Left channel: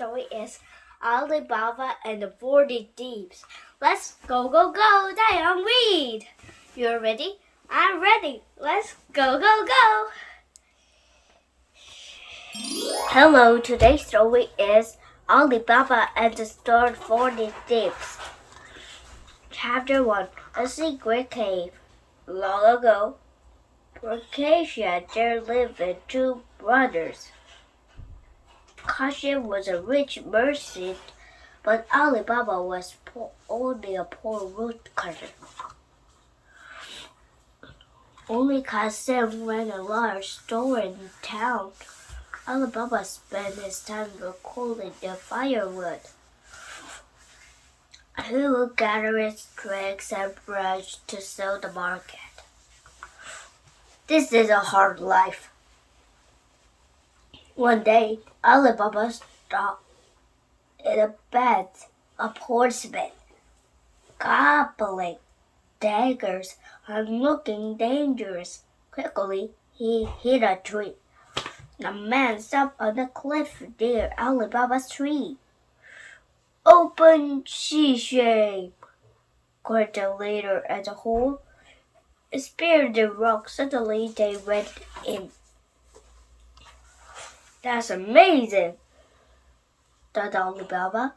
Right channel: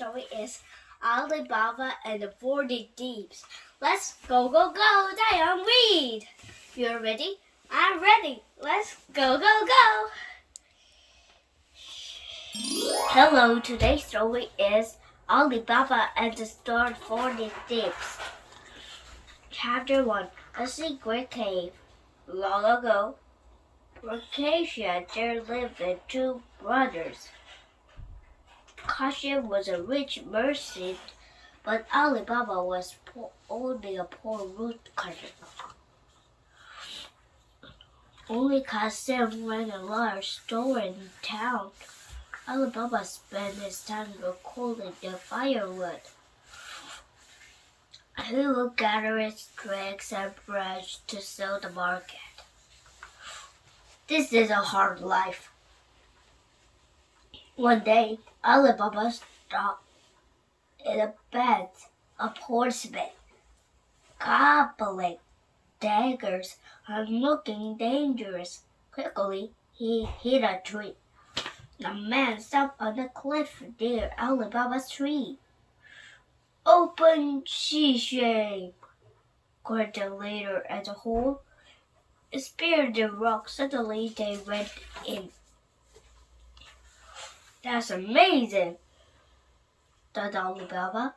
story is Ali Baba and the 40 Thieves. Let's go, go, go, Dayoung Reads! You're ready? I'm ready. Let's go, go, go! Hello, today's story is Ali Baba and the 40 Thieves. Chapter 1. A Secret Cave. Long ago, Acacia there lived two brothers. Kasim was a rich merchant, but Ali Baba was only a poor woodcutter. Only Kasim ran a large store in town. Ali Baba spent his time recalling the firewood. He would gather its twigs and brush to sell the market. This is a hard life. One day, Ali Baba stopped in a bed of horsemen, gobbling daggers and looking dangerous. Quickly, he hit a tree. The man stopped on the cliff near Ali Baba's tree. "Open she-shape!" cried the leader at the hole. Speared the rock. Suddenly they went in. "That's amazing," thought Ali Baba.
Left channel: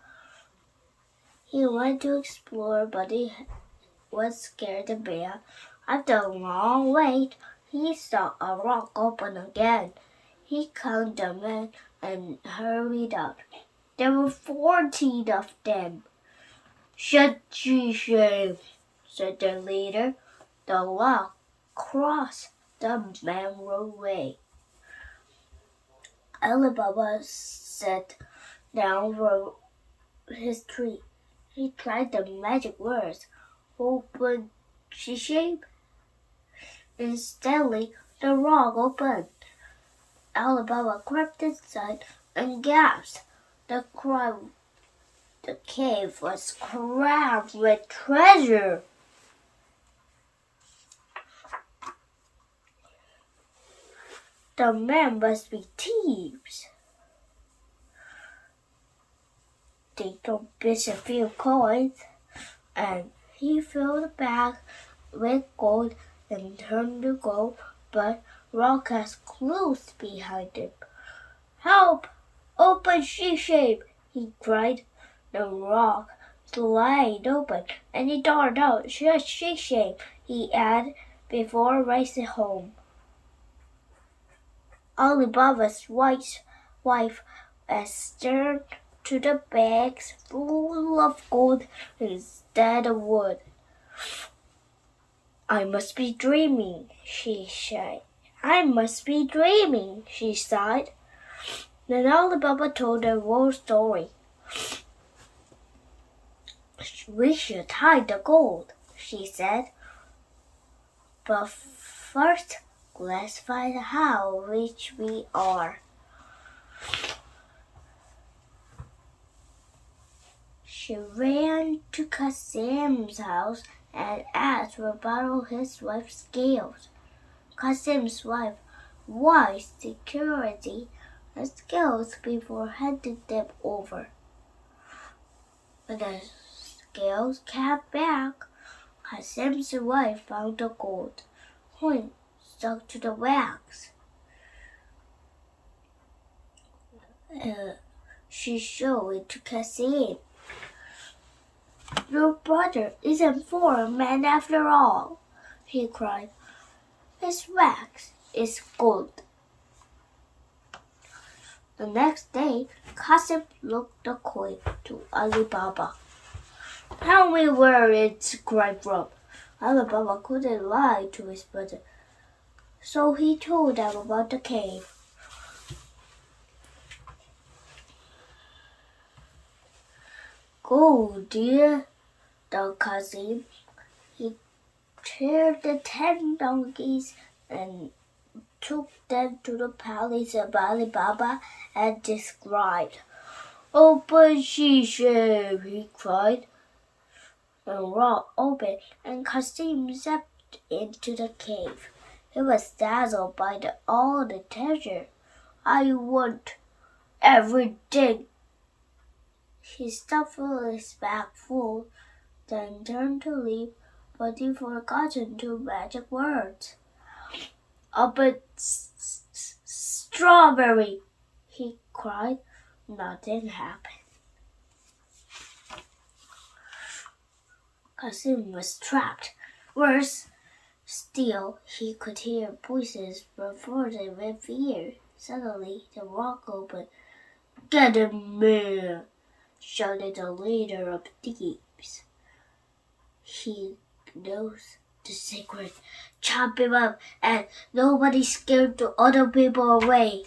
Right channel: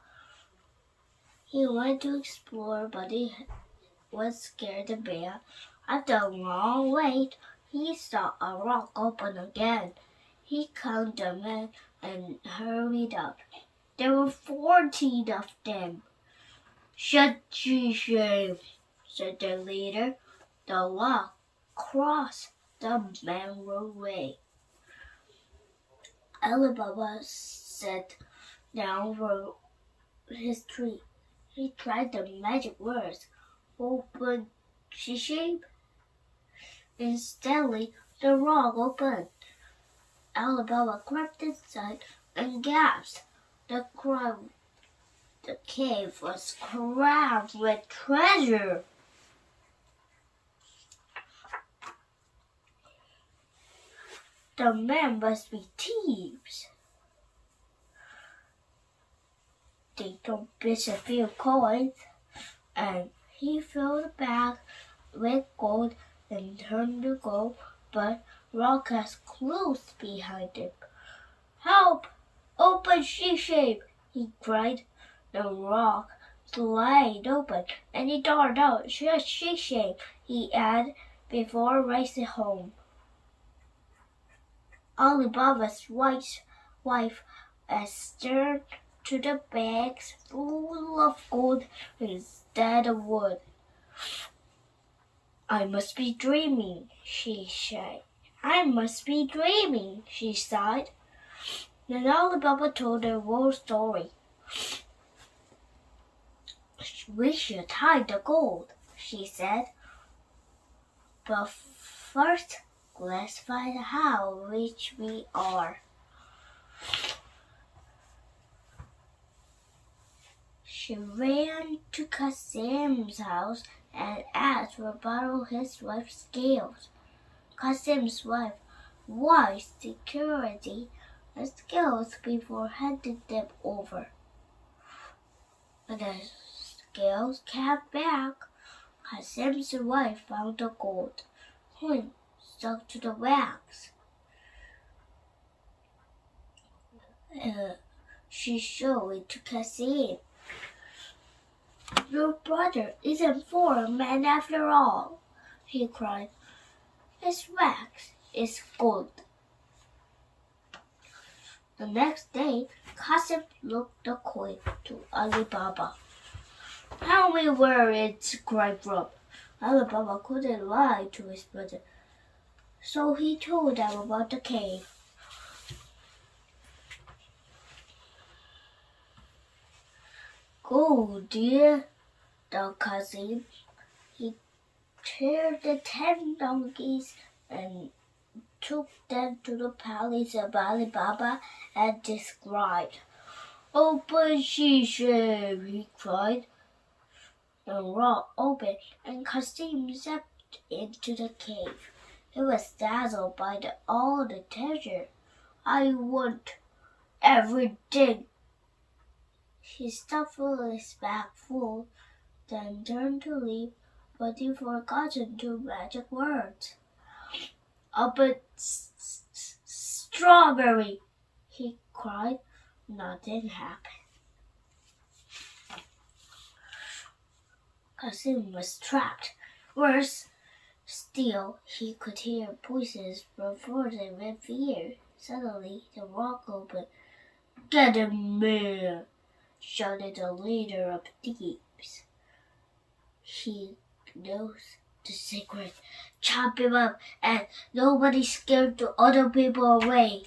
He went to explore, but he was scared of bear. After a long wait, he saw a rock open again. He counted the men and hurried out. There were 14 of them. "Shut she-shape," said the leader. The rock crossed. The men were away. Ali Baba sat down for his tree. He tried the magic words, "Open she-shape." Instantly, the rock opened. Ali Baba crept inside and gasped. The cave was crammed with treasure. The men must be thieves. They took bits a few coins, and he filled the bag with gold and turned to go, but rock was close behind him. "Help! Open she-shape!" he cried. The rock slid open, and he darted out. "Shut she-shape!" he added before racing home. Ali Baba's wife stared to the bags full of gold instead of wood. "I must be dreaming," she said. "I must be dreaming," she sighed. Then Ali Baba told the whole story. "We should hide the gold," she said. "But first, let's find how rich we are." She ran to Kasim's house and asked to borrow his wife's scales. Kasim's wife wise security and scales before handing them over. When the scales came back, Kasim's wife found the gold coin stuck to the wax. She showed it to Kasim. "Your brother isn't for a man after all," he cried. "His wax is gold." The next day, Kasim looked the coin to Ali Baba. "Tell me where it's cried from." Ali Baba couldn't lie to his brother, so he told them about the cave. "Go, dear," thought Kasim. He cheered the 10 donkeys and took them to the palace of Ali Baba and described. "Open she-shape," he cried. The rock opened and Kasim stepped into the cave. He was dazzled by all the treasure. "I want everything," He stuffed his bag full, then turned to leave, but he forgotten two magic words. But strawberry, he cried. Nothing happened. Kasim was trapped. Worse still, he could hear voices before they with fear. Suddenly, the rock opened. "Get him, man!" shouted the leader of thieves. He knows the secret. Chop him up, and nobody scared the other people away.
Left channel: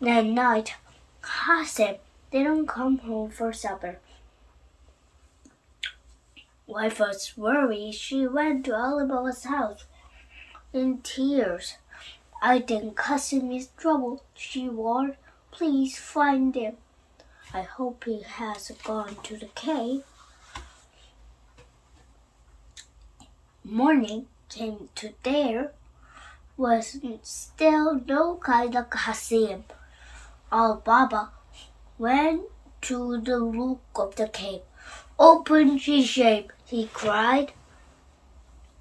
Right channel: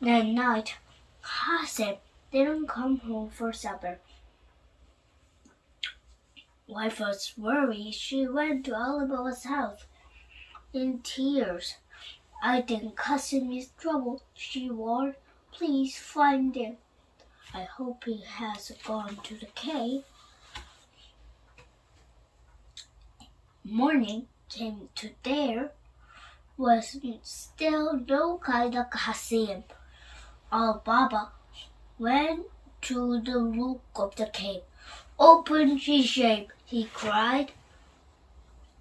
That night, Kasim didn't come home for supper. Wife was worried. She went to Ali Baba's house in tears. "I think Kasim is trouble," she warned. "Please find him. I hope he has gone to the cave." Morning came to there was still no kind of Kasim. Ali Baba went to the look of the cave. "Open G-shape," he cried.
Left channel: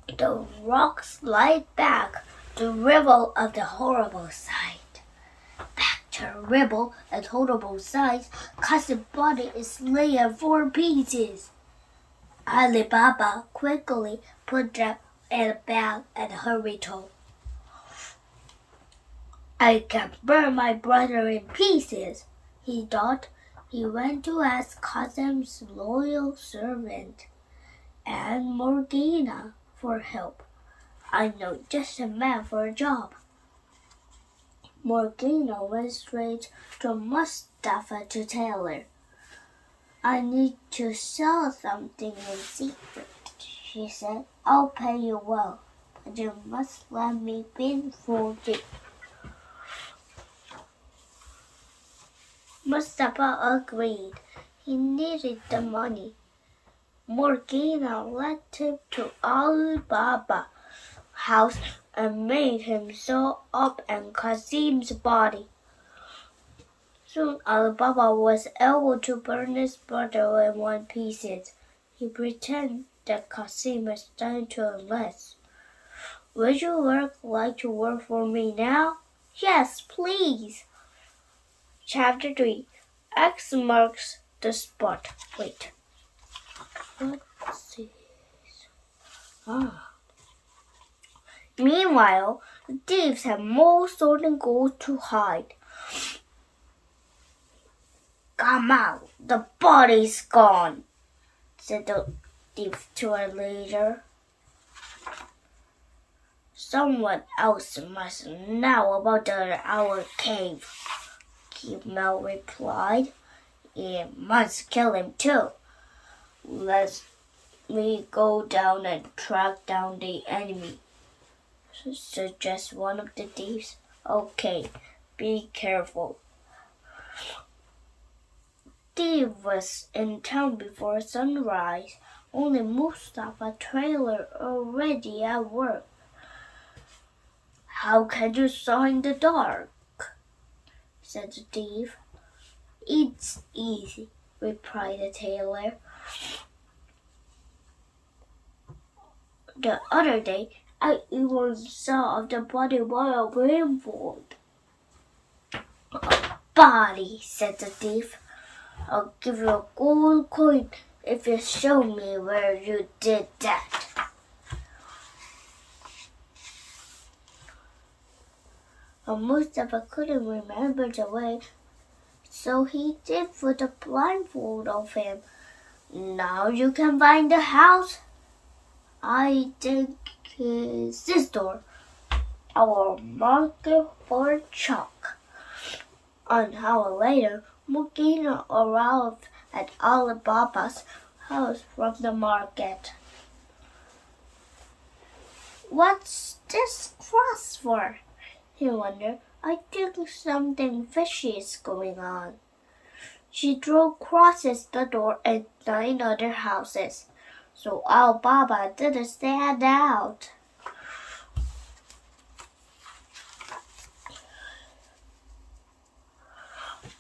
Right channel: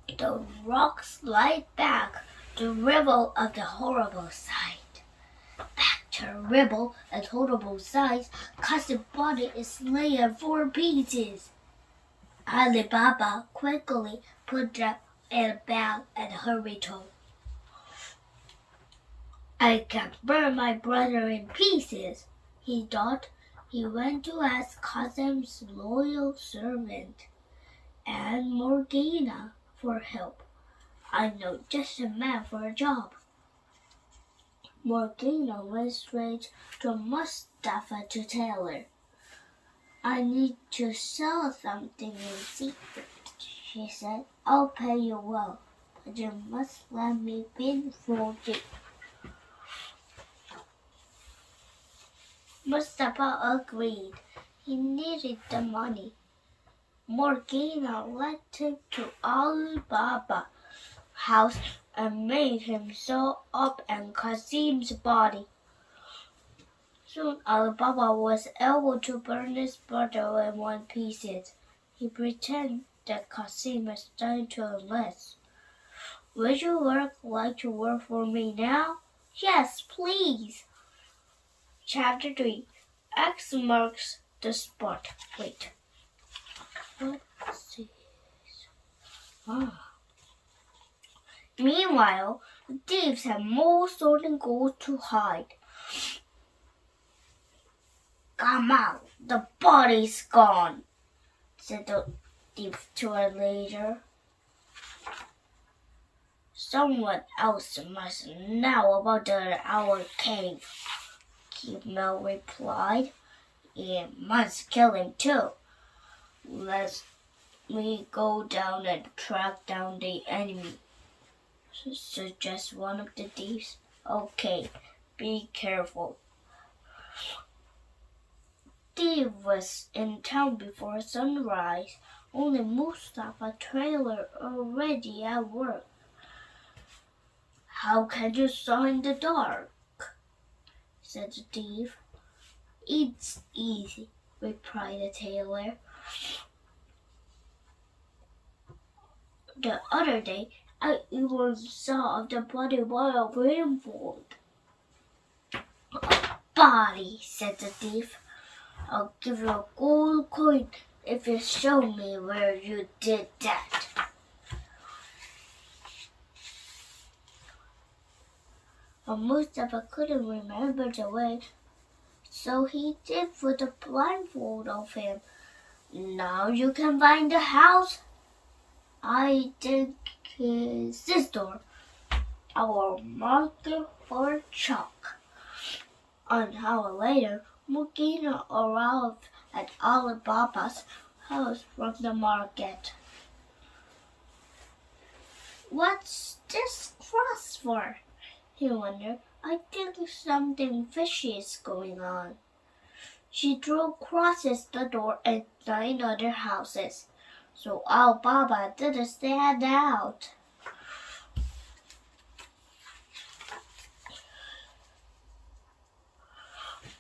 The rocks slide back to revel of the horrible sight. Back to revel and horrible sight, Kasim's body is laid in 4 pieces. Ali Baba quickly put them in a bag and hurried home. "I can burn my brother in pieces," he thought. He went to ask Kasim's loyal servant, Aunt Morgana, for help. "I know just a man for a job." Morgana went straight to Mustafa to tailor. "I need to sell something in secret," she said. "I'll pay you well, but you must let me blindfold you." Mustafa agreed. He needed the money. Morgana led him to Ali Baba's house and made him sew up in Kasim's body. Soon Ali Baba was able to burn his brother in 1 piece. He pretended that Kasim was trying to enlist. "Would you like to work for me now?" "Yes, please." Chapter 3. X marks the spot. Wait. Let's see. Meanwhile, the thieves had more stolen gold to hide. "Come out, the body's gone," said the thief to a leader. "Someone else must know about our cave," Mel replied. "It must kill him too. Let me go down and track down the enemy," suggested one of the thieves. "Okay, be careful." Steve was in town before sunrise. Only Mustafa trailer already at work. "How can you saw in the dark?" said the thief. "It's easy," replied the tailor. The other day, I even saw the body while blindfolded. "A body," said the thief. "I'll give you a gold coin if you show me where you did that." But Mustafa couldn't remember the way, so he did put a blindfold of him. "Now you can find the house. I think it's this door. I will mark it for chalk." An hour later, Morgana arrived at Ali Baba's house from the market. "What's this cross for?" he wondered. "I think something fishy is going on." She drew crosses the door and 9 other houses, so Ali Baba didn't stand out.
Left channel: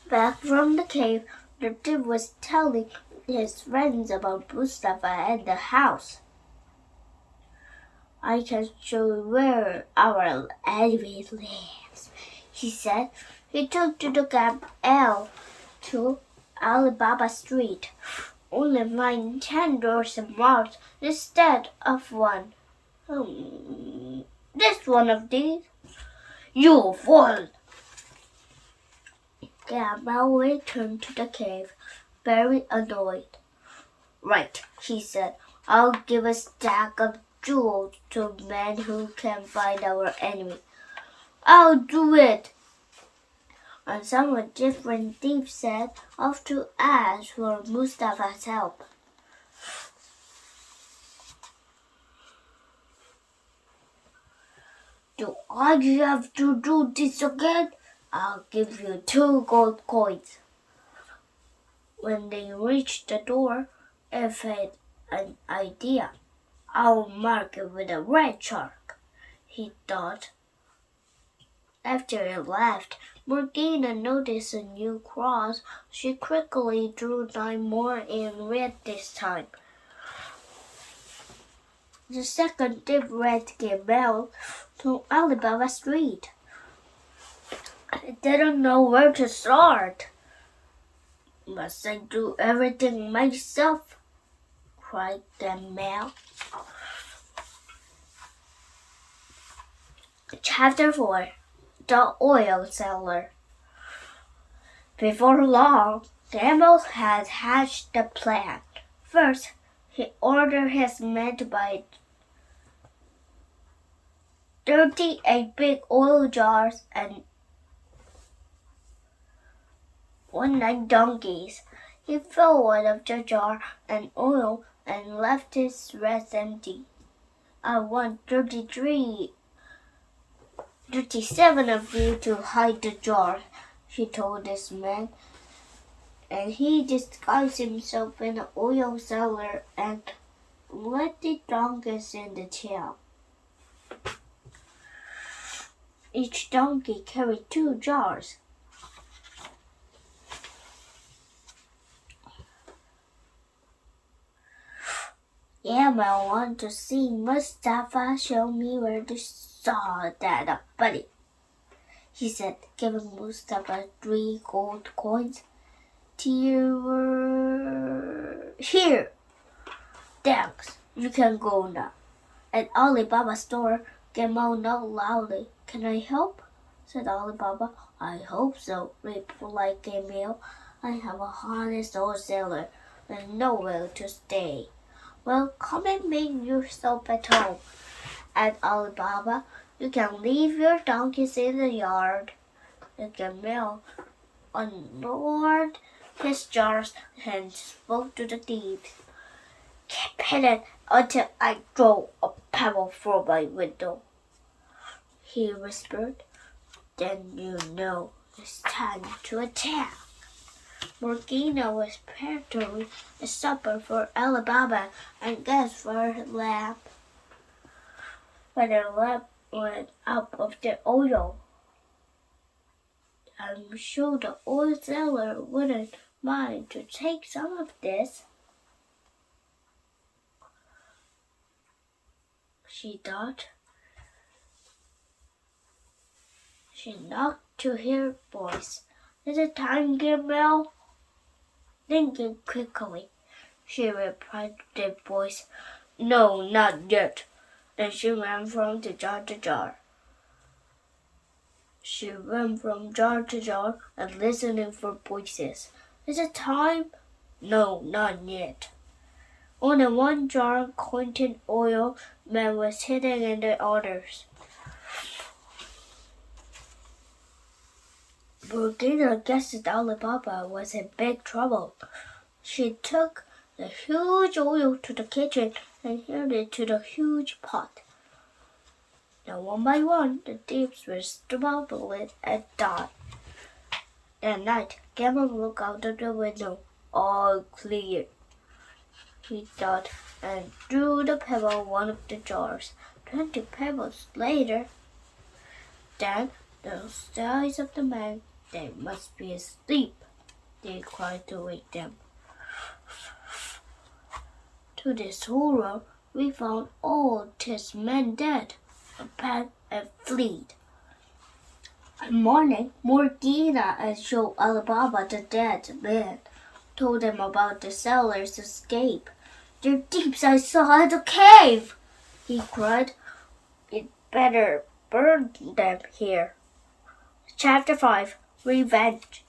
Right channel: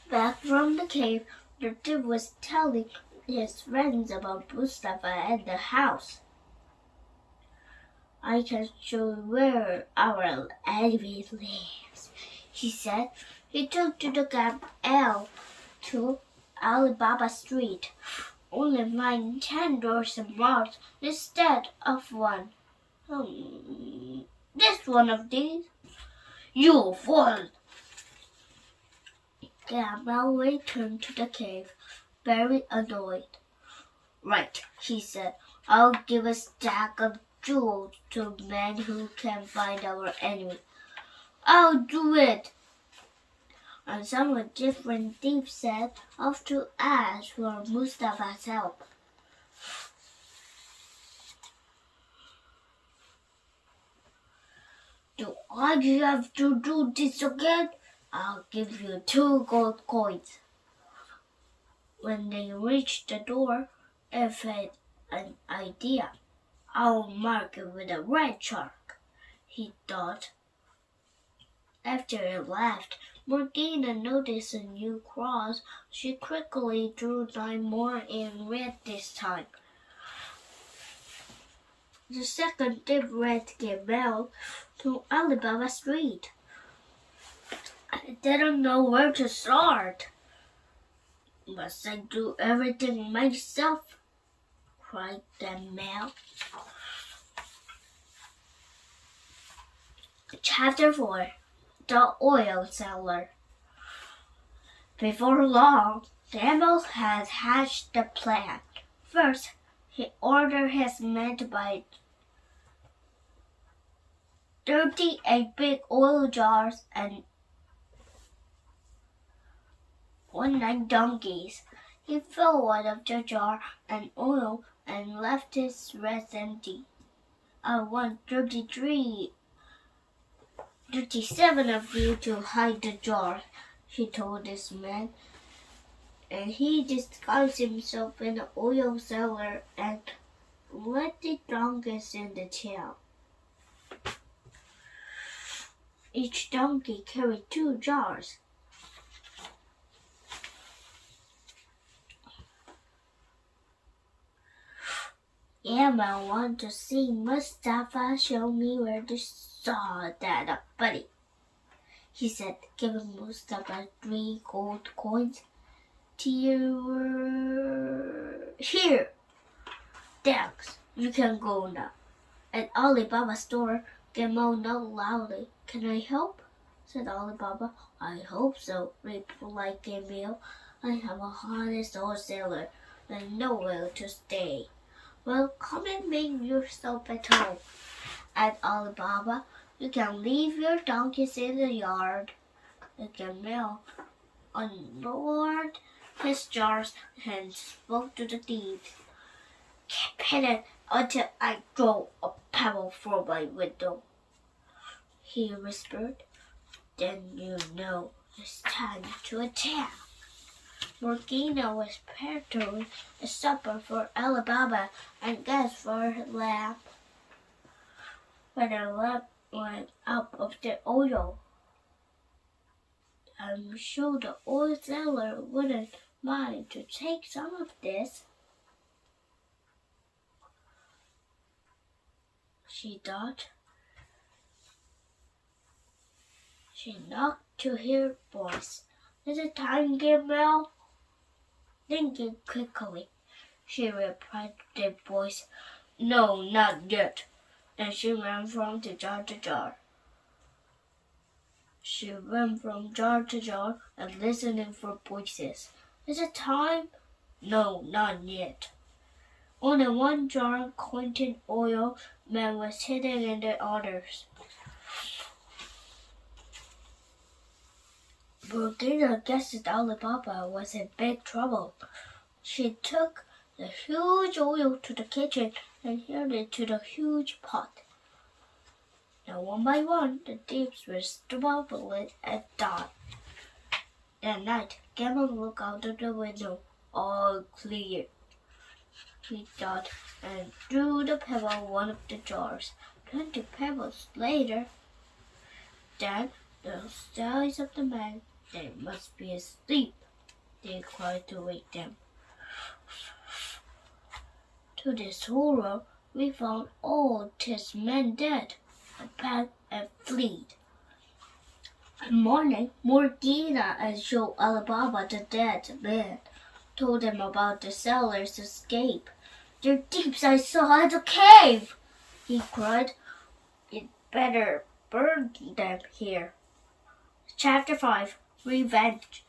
Back from the cave, The thief was telling his friends about Mustafa and the house. I can show you where our enemy lives, he said. He took to the cab L to Ali Baba Street. Only find 10 doors marked instead of one. This one of these. You fool! Gamal returned to the cave, very annoyed. Right, he said. I'll give a stack of jewels to a man who can find our enemy. I'll do it. And some different thieves set off to ask for Mustafa's help. Do I have to do this again? I'll give you 2 gold coins. When they reached the door, F had an idea. I'll mark it with a red chalk, he thought. After he left, Morgana noticed a new cross. She quickly drew 9 more in red this time. The second thief red came out to Ali Baba Street. I didn't know where to start. Must I do everything myself? Cried Gamal. Chapter 4. The Oil Seller. Before long, Gamal had hatched the plan. First, he ordered his men to buy 38 big oil jars and 19 donkeys. He filled one of the jar and oil and left his rest empty. I want 37 of you to hide the jar, he told his men. And he disguised himself in an oil cellar and let the donkeys in the tail. Each donkey carried 2 jars. I want to see Mustafa show me where to saw that up, buddy, he said, giving Mustafa 3 gold coins. Here. Thanks. You can go now. At Ali Baba's store, Gamal knocked loudly. Can I help? Said Ali Baba. I hope so, replied Gamal. I have a honest old sailor and nowhere to stay. Well, come and make yourself at home. At Ali Baba, you can leave your donkeys in the yard. Gamal unloaded his jars and spoke to the thieves. Keep hidden until I throw a pebble through my window, he whispered. Then you know it's time to attack. Morgana was preparing a supper for Ali Baba and guests for her lamp. When the lamp went up of the oil, I'm sure the oil seller wouldn't mind to take some of this, she thought. She knocked to her voice. Is it time, Gabriel? Thinking quickly, she replied to the voice. No, not yet. Then she ran from jar to jar. She ran from jar to jar and listening for voices. Is it time? No, not yet. Only 1 jar containing oil man was hidden in the others. Morgana guessed Ali Baba was in big trouble. She took the huge oil to the kitchen and held it to the huge pot. Now, one by one, the thieves were stumbled at dawn. That night, Gamal looked out of the window. All clear, he thought, and threw the pebble in one of the jars. 20 pebbles later, then the size of the man, they must be asleep. they cried to wake them. To this horror, we found all 10 men dead, and packed and fled. In morning, Morgana and showed Ali Baba the dead man, told him about the sailor's escape. "They're thieves I saw at the cave!" he cried. "You'd better burn them here." Chapter 5, Revenge.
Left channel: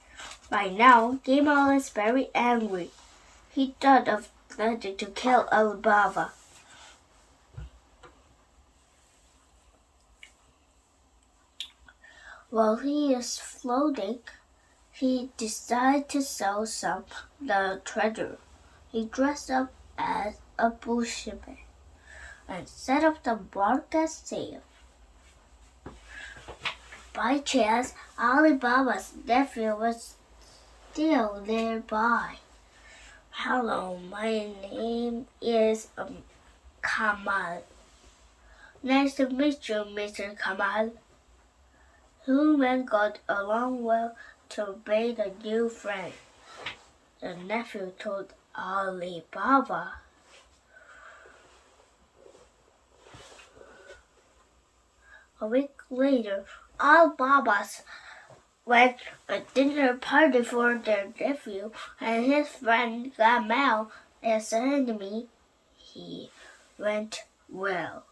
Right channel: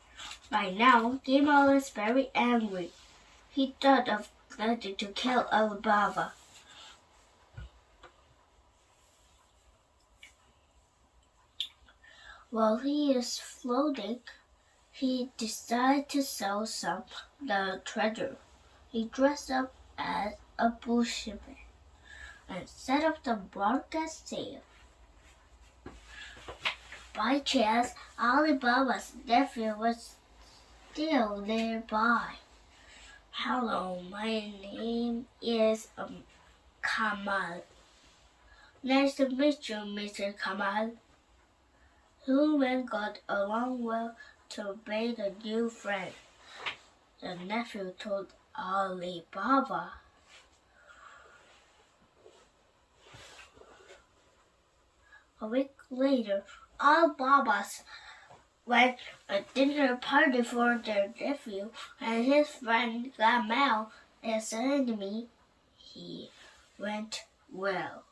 By now, Gamal is very angry. He thought of planning to kill Ali Baba. While he is floating, he decides to sell some of the treasure. He dressed up as a bushman and set up the market sale. By chance, Ali Baba's nephew was still nearby. "Hello, my name is Kamal. Nice to meet you, Mr. Kamal." Two men got along well to make a new friend. The nephew told Ali Baba. A week later, Ali Baba's went a dinner party for their nephew and his friend Gamal as an enemy. He went well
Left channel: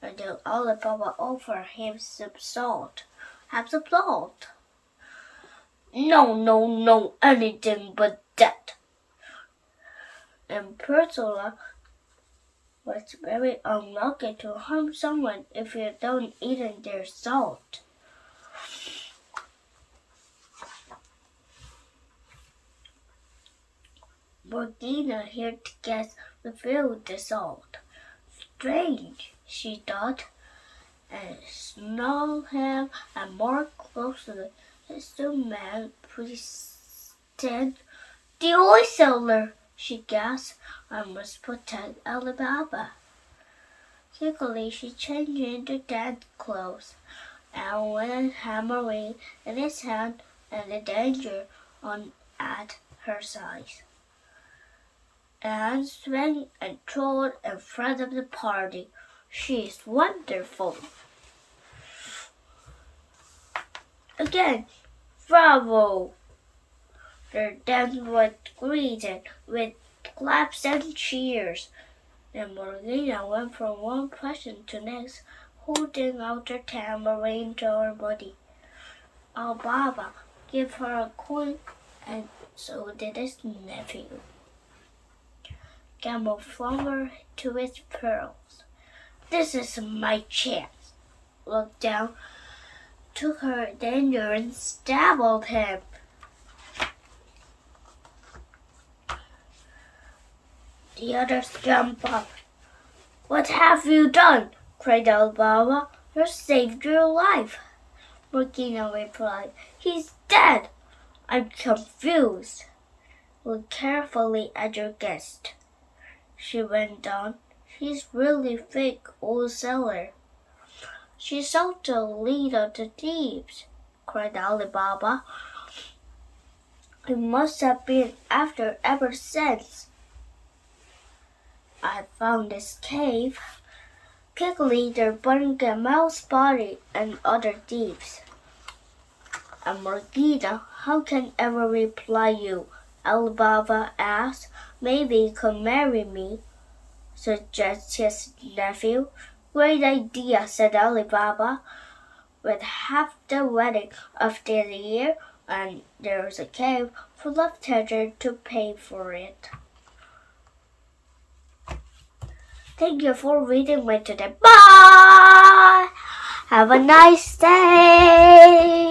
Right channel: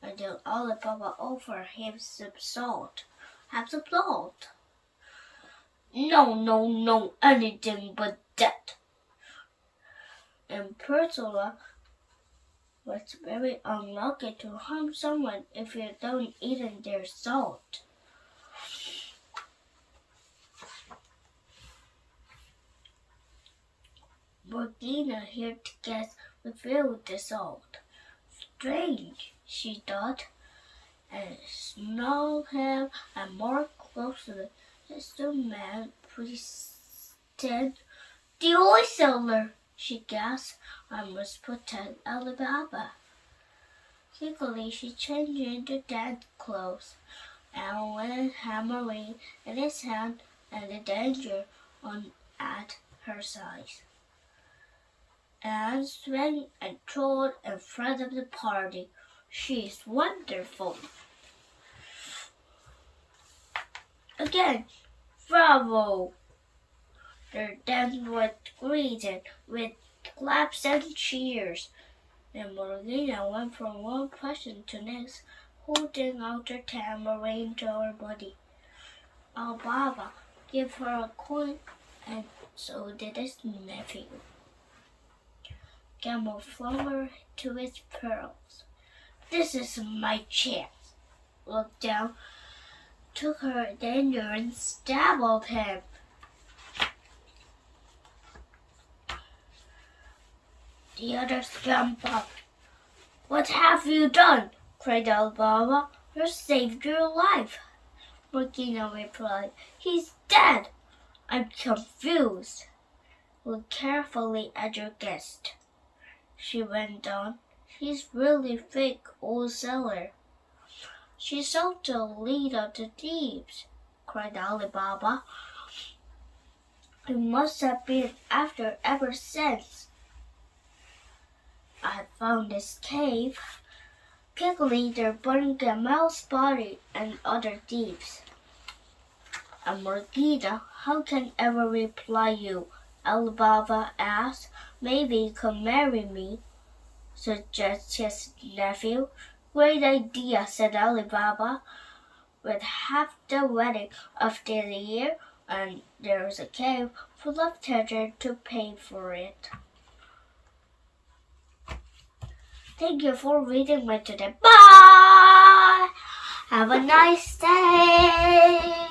until Ali Baba offered him some salt. "Have some salt." No, anything but that." And Ursula was very unlucky to harm someone if you don't eat their salt. Morgana here to guess refilled the salt. Strange, she thought, and snuggled him and more closely. As the man pretended, "The oil seller," she gasped. "I must protect Ali Baba." Quickly, she changed into dance clothes and went hammering in his hand and the danger on at her side. Anne swung and trod in front of the party. "She is wonderful." Again, "Bravo!" Their dance was greeted with claps and cheers. Then Morgana went from one person to the next, holding out her tambourine to her body. Ali Baba gave her a coin, and so did his nephew. Gamal flung her to his pearls. "This is my chance." Looked down, took her danger and stabbed him. The others jumped up. "What have you done?" cried Ali Baba. "You saved your life." Morgana replied, "He's dead." "I'm confused." "Look carefully at your guest," she went on. "He's really fake old seller." "She's sold the lead of the thieves," cried Ali Baba. "He must have been after ever since. I found this cave." Quickly there burned Gamal's body and other thieves. And Morgana, "How can I ever reply you?" Ali Baba asked. "Maybe you could marry me," suggested his nephew. "Great idea," said Ali Baba. "With half the wedding of the year, and there's a cave full of treasure to pay for it." Thank you for reading with today. Bye! Have a nice day!